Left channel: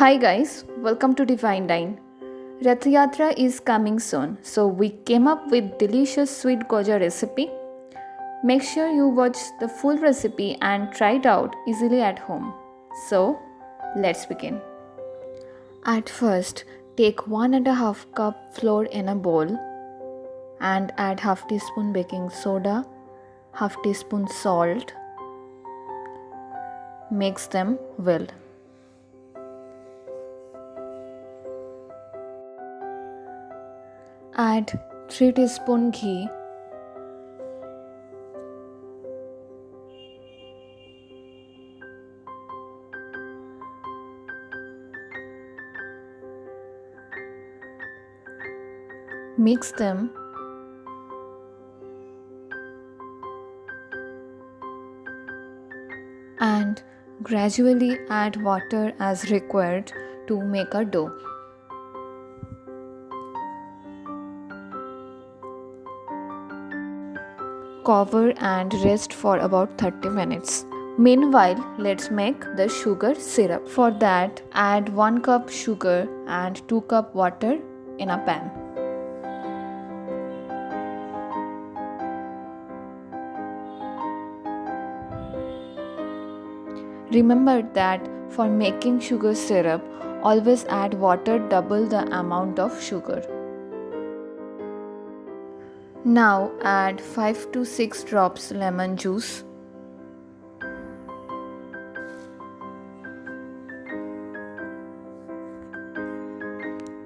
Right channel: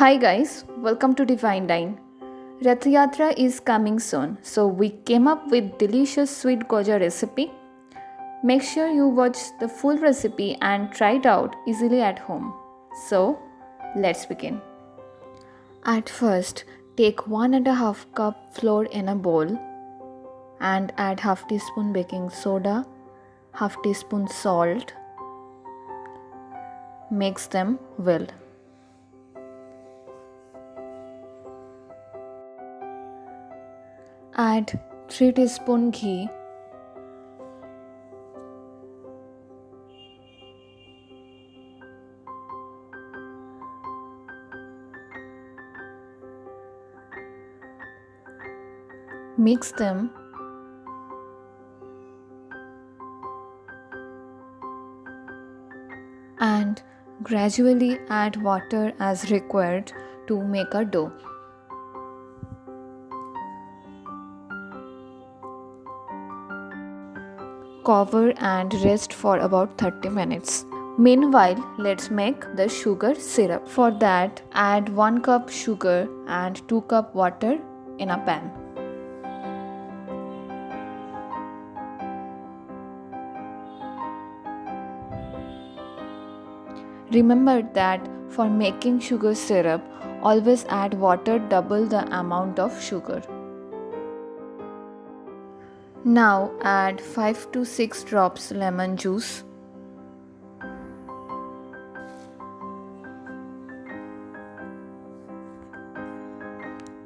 Hi guys, welcome to Divine Dine. Rath Yatra is coming soon, so we came up with delicious sweet goja recipe. Make sure you watch the full recipe and try it out easily at home. So, let's begin. At first, take 1.5 cup flour in a bowl and add half teaspoon baking soda, half teaspoon salt. Mix them well. Add 3 teaspoon ghee. Mix them and gradually add water as required to make a dough. Cover and rest for about 30 minutes. Meanwhile, let's make the sugar syrup. For that, add 1 cup sugar and 2 cup water in a pan. Remember that for making sugar syrup, always add water double the amount of sugar. Now add 5 to 6 drops lemon juice.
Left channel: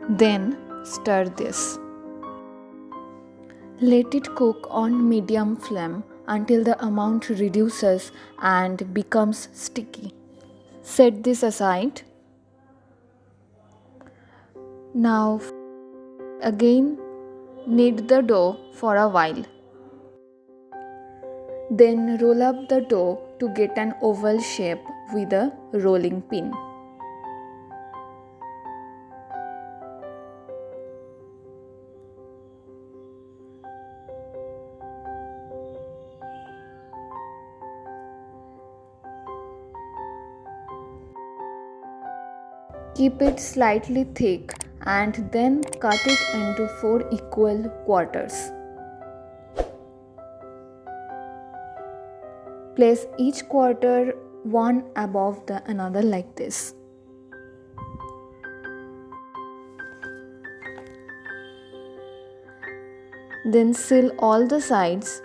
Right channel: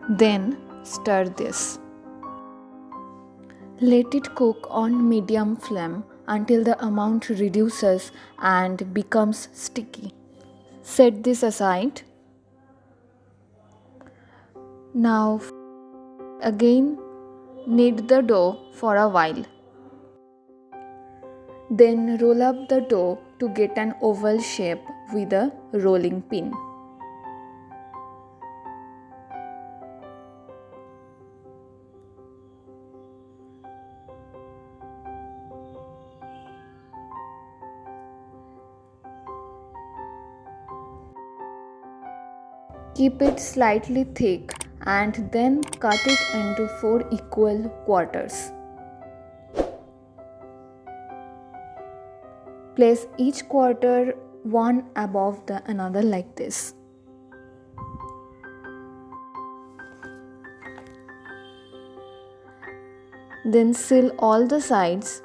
Then stir this. Let it cook on medium flame until the amount reduces and becomes sticky. Set this aside. Now again knead the dough for a while. Then roll up the dough to get an oval shape with a rolling pin. Keep it slightly thick and then cut it into 4 equal quarters. Place each quarter one above the another like this. Then seal all the sides.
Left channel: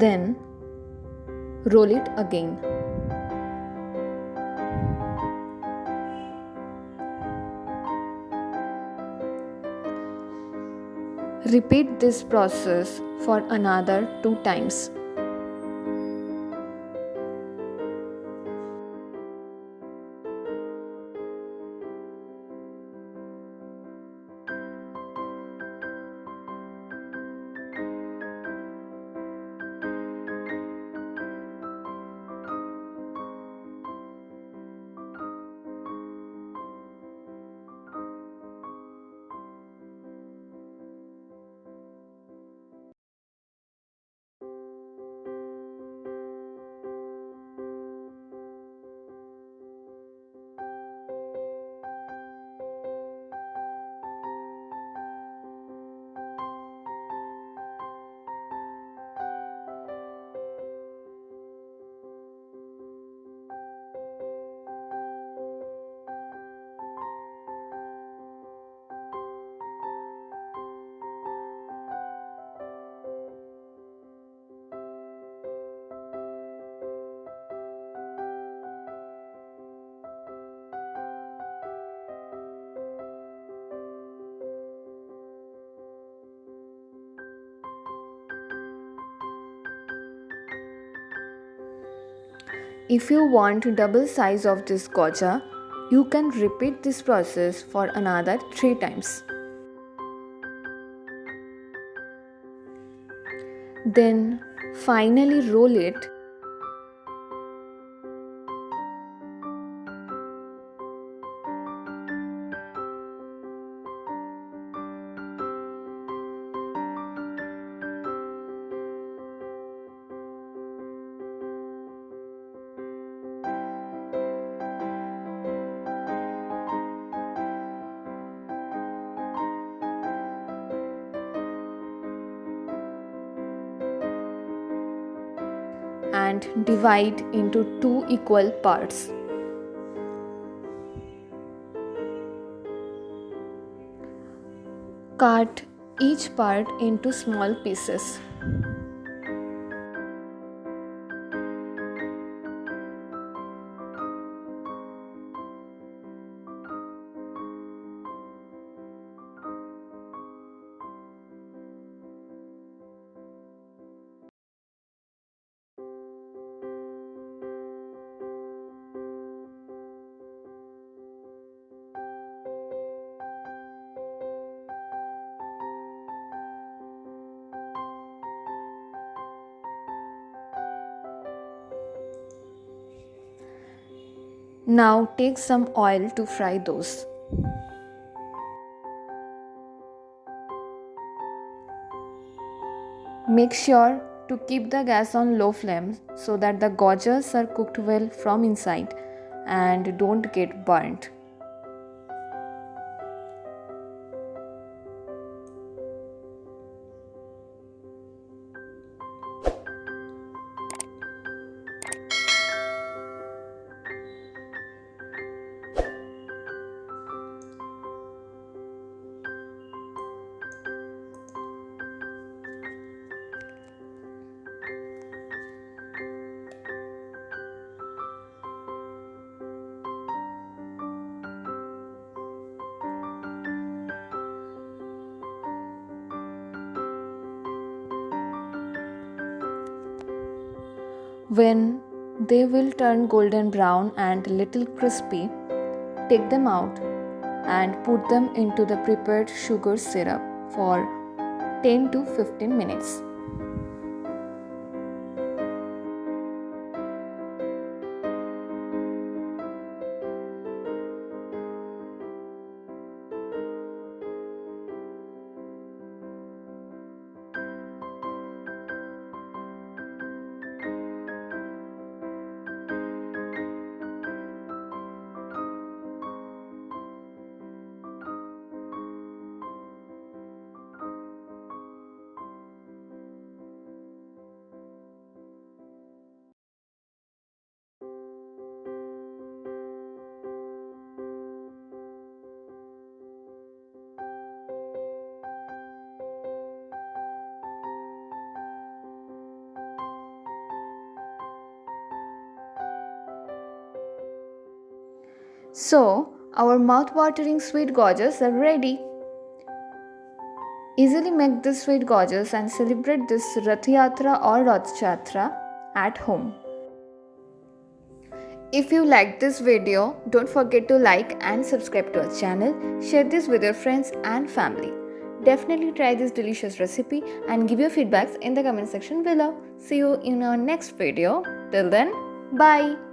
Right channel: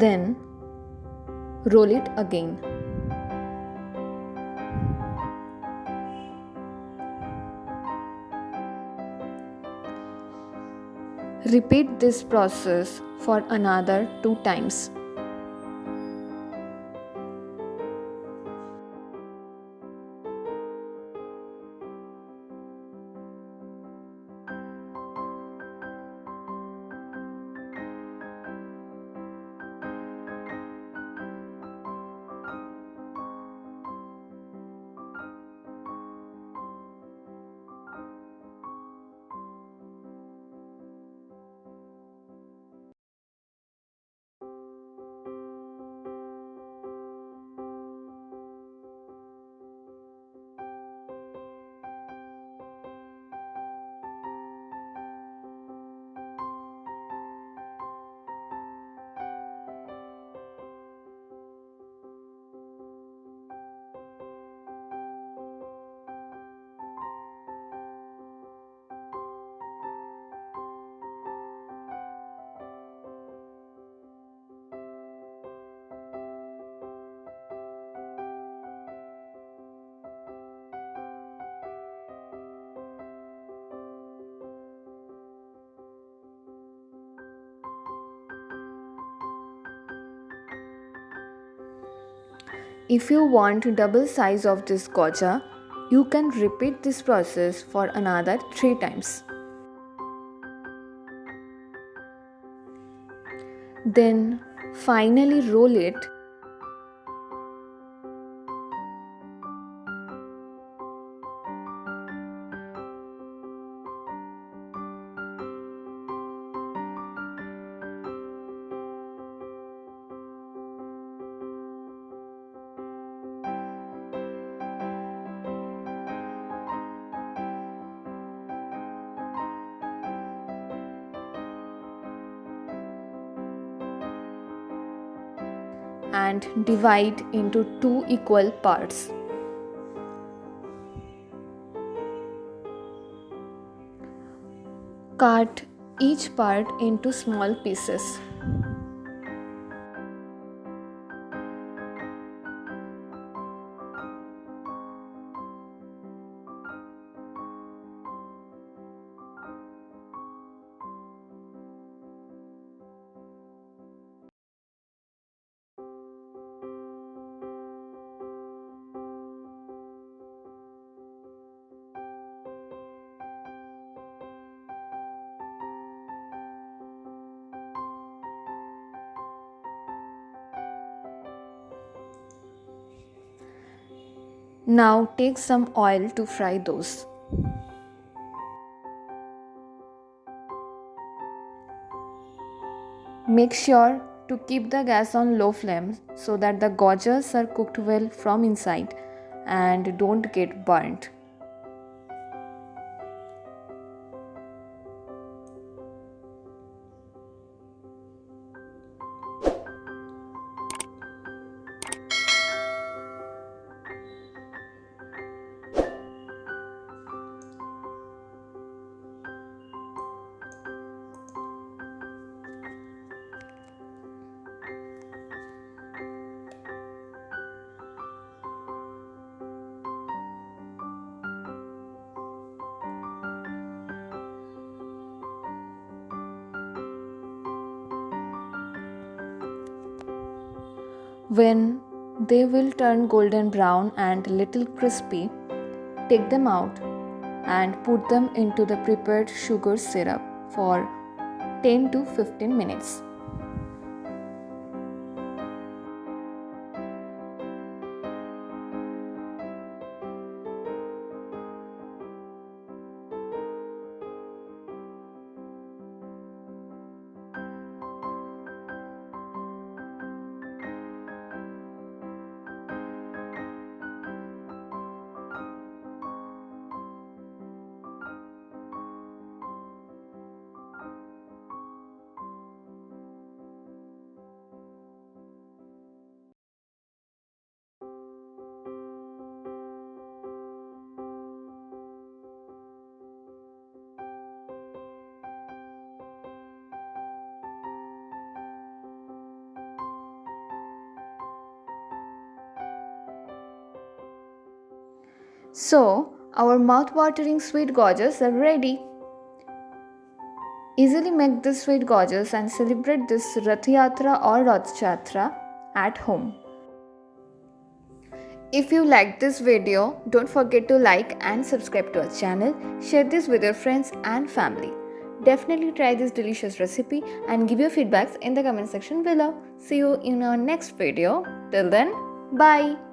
Then roll it again. Repeat this process for another 2 times. If you want double size of this goja, you can repeat this process for another 3 times. Then finally roll it and divide into 2 equal parts. Cut each part into small pieces. Now take some oil to fry those. Make sure to keep the gas on low flame so that the gojas are cooked well from inside and don't get burnt. When they will turn golden brown and little crispy, take them out and put them into the prepared sugar syrup for 10 to 15 minutes. So, our mouth-watering sweet gojas are ready. Easily make this sweet gojas and celebrate this Rath Yatra or Rath Yatra at home. If you liked this video, don't forget to like and subscribe to our channel. Share this with your friends and family. Definitely try this delicious recipe and give your feedbacks in the comment section below. See you in our next video. Till then, bye.